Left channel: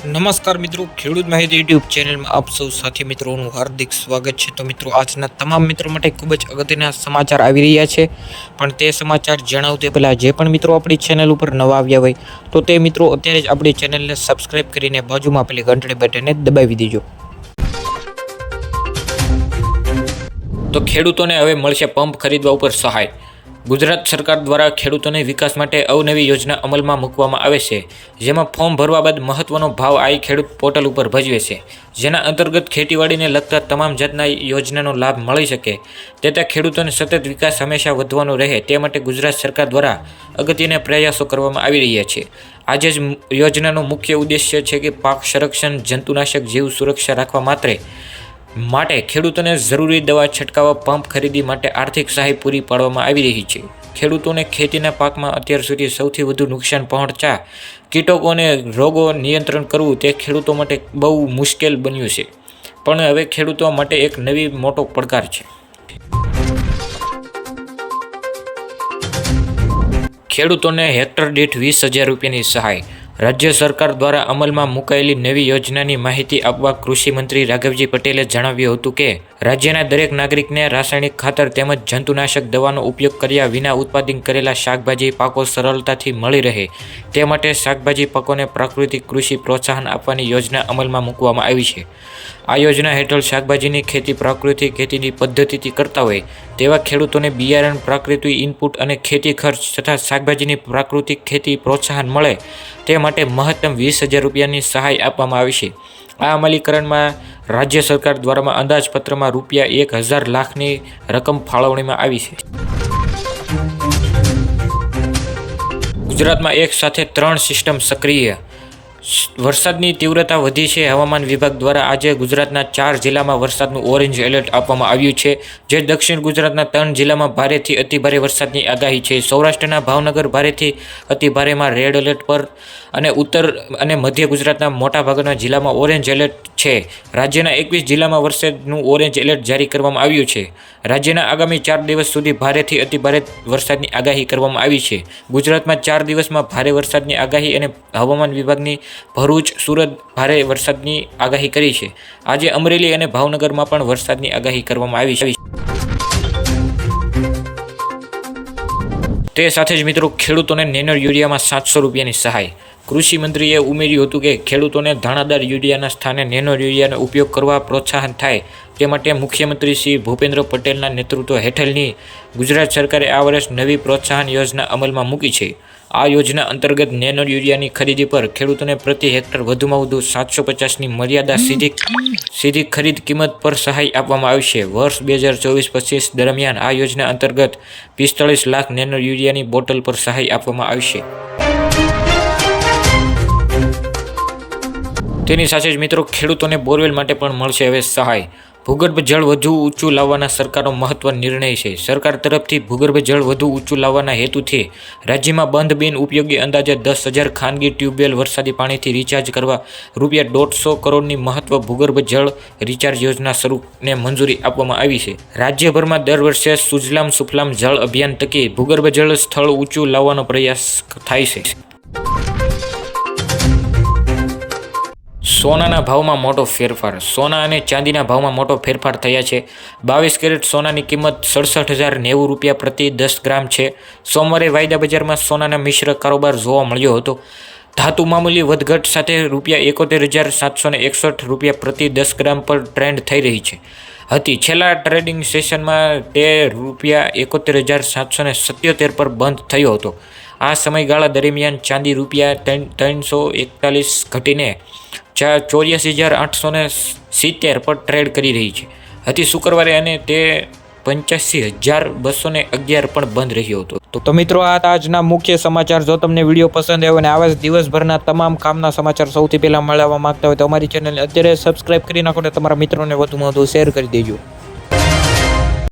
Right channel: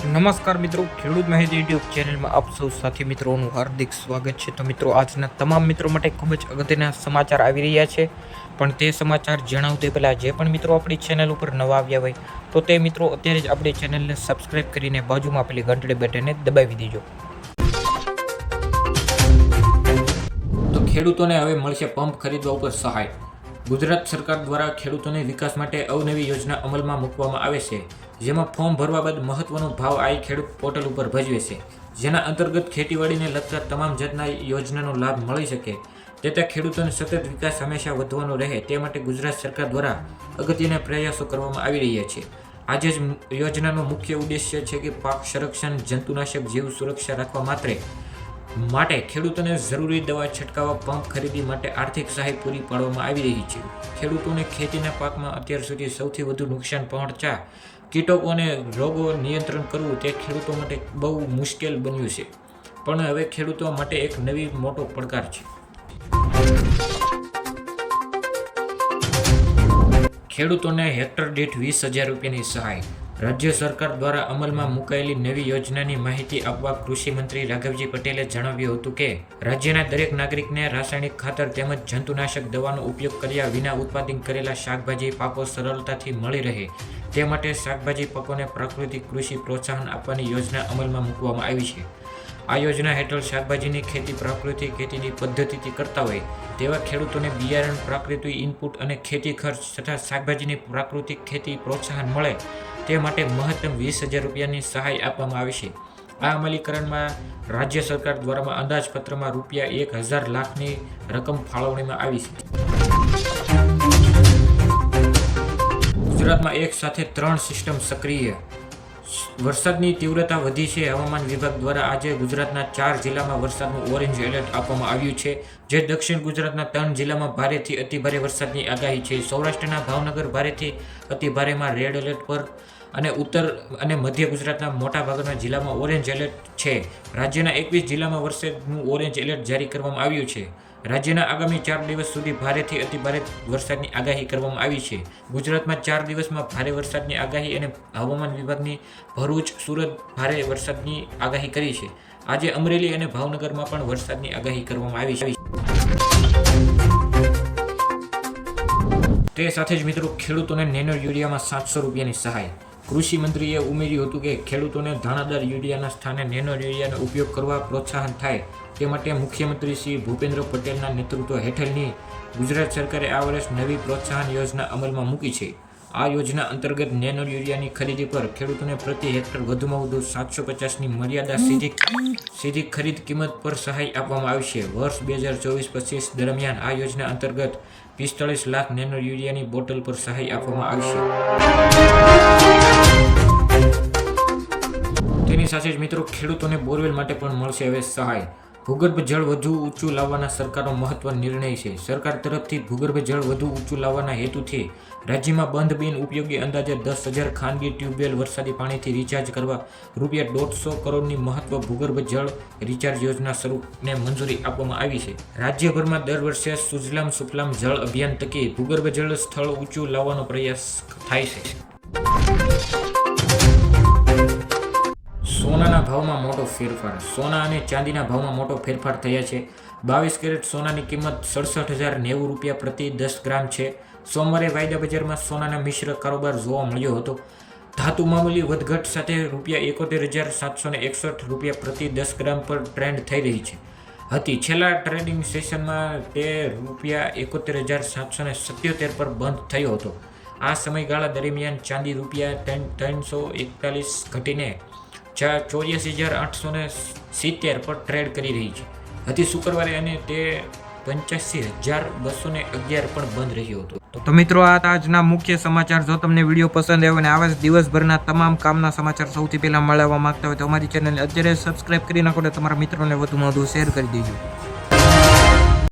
નમસ્કાર મિત્રો, ખેડૂત માહિતી યુટ્યુબ ચેનલમાં આપ સૌ સાથી મિત્રોનું હાર્દિક સ્વાગત છે। તો મિત્રો, આજના તમામ મિત્રો માટે ખૂબ જ અગત્યના સમાચાર આવી રહ્યા છે, પણ તે સમાચાર જણાવતે પહેલાં જે પણ મિત્રો આપણી ચેનલ ઉપર નવા આવ્યા હોય તો તે મિત્રો અત્યારે જ આપણી ચેનલને સબસ્ક્રાઈબ કરીને બાજુમાં પેલી ઘંટડી બટનને દબાવી દેજો। તો ખેડૂતોને હવે મળશે પંપ ખરીદવા ઉપર સહાય। ગુજરાત સરકાર દ્વારા ખેડૂતોને વિકાસ માટે અવનવી યોજના અમલમાં મૂકવામાં આવે છે, જેમાં ફોર્મ ભરવા બાદ મહત્વનો ભાવ આઈ ખેડૂત પોર્ટલ ઉપર ભજવે છે, જેના અંતર્ગત ખેતીવાડીને લગતા તમામ જાતના યોજનાનો લાભ મળી શકે તે ખેડૂતોને સતત વિકાસ હંમેશા વધવાનો રહે તે માટે ગુજરાત સરકાર દ્વારા અગત્યના પ્રયાસો કરવામાં આવી રહ્યા છે। આજે જ યોજનાનો મુખ્ય ઉદ્દેશ્ય છે કે પાક સંરક્ષણ, જંતુનાશક, જીવ સુરક્ષા રાખવા માટે ખેડૂતોને જરૂરી દવા છંટકાવ, પંપ ખરીદી માટે આર્થિક સહાય પૂરી પાડવામાં આવી રહી છે। ખેડૂતોને ખેતીના પાકમાં અત્યાર સુધી સૌથી વધુ નુકસાન પહોંચતા કીટકો અને રોગો નિયંત્રણ કરવું તે ખેડૂતો માટે બહુ મુશ્કેલ બન્યું છે, પણ હવે ખેડૂતો માટે એક નવી મોટો પડકાર છે। ખેડૂતોને હેક્ટર દીઠ 20,000 રૂપિયાની સહાય। રાજ્ય સરકાર દ્વારા અમલમાં મુકાયેલી નવી યોજનાની માહિતી આપવા કૃષિ મંત્રી રાઘવજી પટેલે જણાવ્યું હતું કે રાજ્યના દરેક નાગરિકને રાસાયણિક ખાતર તેમજ જંતુનાશક દવાનો ઉપયોગ કર્યા વિના ઉત્પાદન કરેલા શાકભાજી પાકો સરળતાથી મળી રહે તે માટે શાકભાજી પાકોને પ્રાકૃતિક કૃષિ પ્રોત્સાહન આપવાની યોજના અમલમાં મૂકવામાં આવી છે। આ યોજના હેઠળ શાકભાજીની ખેતી પ્રાકૃતિક ખેતીની પદ્ધતિથી કરતા હોય તેવા ખેડૂતોને બિયારણ, પ્રાકૃતિક ઇનપુટ અને ખેતી ખર્ચ તથા શાકભાજીની પ્રાકૃતિક ખેતી પ્રોત્સાહન મળે તે માટે મહત્તમ 20,000 રૂપિયાની સહાય આપવામાં આવી છે। આ અમલીકરણમાં રાજ્ય સરકાર દ્વારા અંદાજપત્રમાં રૂપિયા 1,000 લાખની રકમ ફાળવણીમાં આવી છે। ગુજરાતમાં એક સાથે 3 સિસ્ટમ સક્રિય। વરસાદની તીવ્રતા વધી છે। હવામાન વિભાગ દ્વારા આજે ગુજરાતના 4 જિલ્લામાં વરસાદનું ઓરેન્જ એલર્ટ આપવામાં આવ્યું છે, જે દક્ષિણ ગુજરાતના 3 જિલ્લામાં ભારેથી અતિભારે વરસાદની આગાહી છે। સૌરાષ્ટ્રના ભાવનગર ભારેથી અતિભારેમાં રેડ એલર્ટ પર અને ઉત્તર અને મધ્ય ગુજરાતના મોટાભાગના જિલ્લામાં ઓરેન્જ એલર્ટ છે। રાજ્યના 21 જિલ્લામાં વરસાદનું ઓરેન્જ એલર્ટ જારી કરવામાં આવ્યું છે। રાજ્યના આગામી 4 દિવસ સુધી ભારેથી અતિભારે વરસાદની આગાહી કરવામાં આવી છે। ગુજરાતમાં 4 દિવસમાં ભારે વરસાદની આગાહી અને હવામાન વિભાગની ભરૂચ, સુરત ભારે વરસાદની આગાહી કરી છે। આજે અમરેલી અને ભાવનગરમાં પણ વરસાદની આગાહી કરવામાં આવી છે। તે સાથે જ મિત્રો, ખેડૂતોને નેનો યુરિયામાં 700 રૂપિયાની સહાય। કૃષિ મંત્રીએ ઉમેર્યું હતું કે ખેડૂતોને દાણાદાર યુરિયાના સ્થાને નેનો યુરિયાનો ઉપયોગ કરવા પ્રોત્સાહન થાય તે માટે મુખ્યમંત્રી શ્રી ભૂપેન્દ્ર પટેલના નેતૃત્વ હેઠળની ગુજરાત સરકારે આ વર્ષ નવી પ્રોત્સાહન યોજના અમલમાં મૂકી છે। આ યોજના અંતર્ગત નેનો યુરિયાની ખરીદી પર ખેડૂતોને પ્રતિ હેક્ટર વધુમાં વધુ 750ની મર્યાદા સીધી ખરીદ કિંમત પર સહાય આપવામાં આવશે। વર્ષ 2024-25 દરમિયાન આ યોજના અંતર્ગત 45 લાખ નેનો યુરિયાની બોટલ પર સહાય આપવામાં આવશે। તેની સાથે જ મિત્રો, ખેડૂતોને બોરવેલ માટે પણ મળશે હવે સહાય। ભૂગર્ભ જળ વધુ ઊંચું લાવવાના સરકારનો મહત્વનો નિર્ણય છે। સરકાર તરફથી ભૂગર્ભ જળ વધુ ઊંચું લાવવાના હેતુથી રાજ્યમાં બંધ બિન ઉપયોગી અંદાજે 10,000 ખાનગી ટ્યુબવેલ વરસાદી પાણીથી રિચાર્જ કરવા રૂપિયા 150 કરોડની મહત્વ ભૂગર્ભ જળ રિચાર્જ યોજના શરૂને મંજૂરી આપવામાં આવી છે। રાજ્યભરમાં દર વર્ષે સુજલામ સુફલામ જળ અભિયાન થકી ભૂગર્ભ જળ સ્થળ ઊંચું લાવવાનો પ્રયાસ થાય છે। સોનાના ભાવમાં મોટો ફેરફાર। સોના અને ચાંદીના ભાવમાં મોટો ફેરફાર થયા છે। 22 કેરેટ સોનાની કિંમત 67,090 રૂપિયા પ્રતિ 10 ગ્રામ છે। સોમવારે વાયદા બજારમાં સોનાના મિશ્ર કારોબાર જોવા મળ્યો હતો। ધાતુ મામૂલી વધઘટ સાથે રૂપિયા 71,761 રૂપિયા પ્રતિ 10 ગ્રામ પર ટ્રેન્ડ થઈ રહી હતી। છેલ્લા ટ્રેડિંગ સેશનમાં તે રૂપિયા 71,777 પર બંધ થયો હતો। આ સમયગાળા દરમિયાન ચાંદી રૂપિયા 341 ઘટીને 84,870 પર ટ્રેડ કરી રહી હતી શુક્રવારે, અને તે 85,211 પણ બંધ રહ્યો હતો। તો મિત્રો, આ આજના મુખ્ય સમાચાર। જો તમને વિડીયો પસંદ આવ્યો અને આવા જ દિવસભરના તમામ કામના સમાચાર સૌથી પહેલા મેળવવા માંગતા હોય તો અમારી ચેનલને અત્યારે સબસ્ક્રાઇબ કરી નાખો અને તમારા મિત્રોને વધુમાં વધુ શેર કરી દેજો।